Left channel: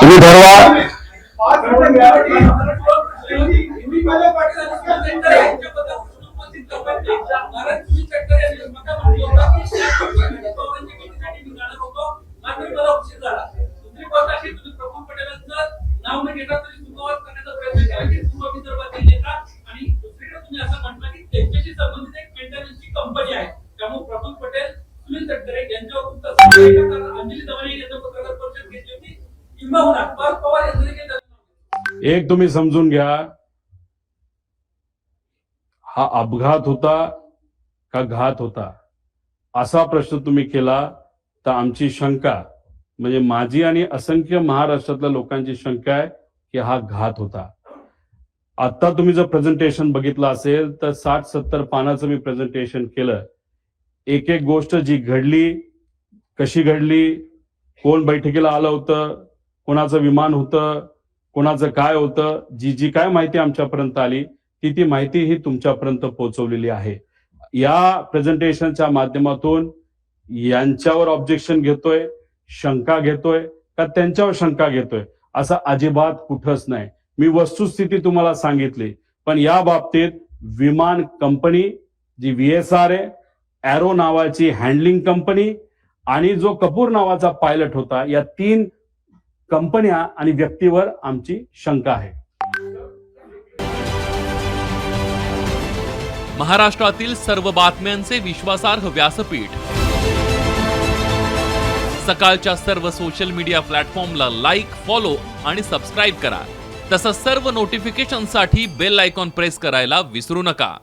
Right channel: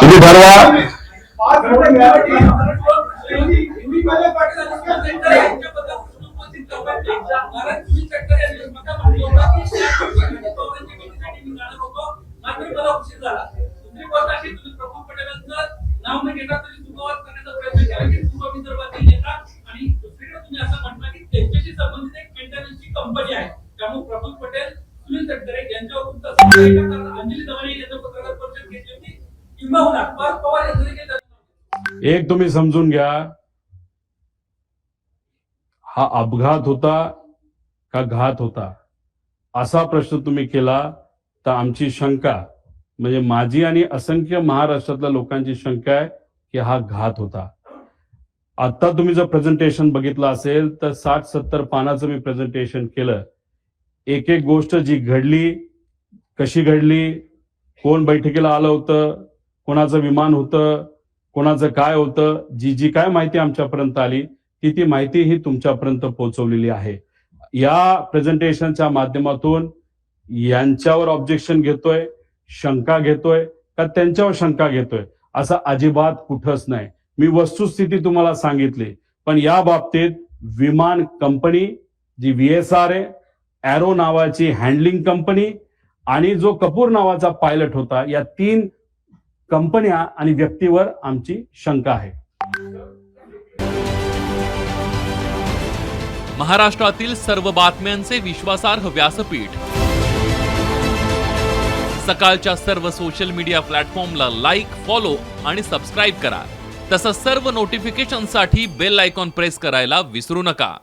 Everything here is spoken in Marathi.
तुम्ही ठरवा. एक तुम्ही समजून घ्या, हा अपघात होता का घात होता असा प्रश्न तुम्ही केला तर आमची शंका म्हणजे माझी आणि असंख्य महाराष्ट्रातल्या लोकांची शंका आहे की हा घात होता. आता तुम्ही जर प्रेझेंटेशन बघितलं असेल तर 60-70 पानाचं मी प्रेझेंटेशन केलं. एक एक गोष्ट जी घडली, कशी घडली, कोण बैठकीला आलं होतं, कोणाचं विमान होतं, कोणाचं काय होतं, जी काय माहिती आमच्यापर्यंत आली ती माहिती ही तुमच्यापर्यंत पोहोचवलेली आहे. या प्रेझेंटेशनच्या माध्यमातून यांच्यावर ऑब्जेक्शन घेतोय, शंका घेतोय का त्यांच्यावर शंका घेतोय असं अजिबात कुठंच नाही. मी वस्तुस्थिती तुम्हाला सांगितली. पण या बाबतीत विमान कंपनी जी VSR आहे, एरो नावाची हँडलिंग कंपनी आणि जो कपूर नावाचा पायलट होता, या 3 कंपन्या आणि व्यक्तीवर आमची शंका आहे. महाराष्ट्रातील सर्व बातम्यांचे विश्वासार्ह व्यासपीठ. सकाळच्या सर्व सोशल मीडिया प्लॅटफॉर्मला लाईक, फॉलो आणि सबस्क्राईब करा. तसंच सर्व नोटिफिकेशनसाठी बेल आयकॉन प्रेस करायला विसरू नका.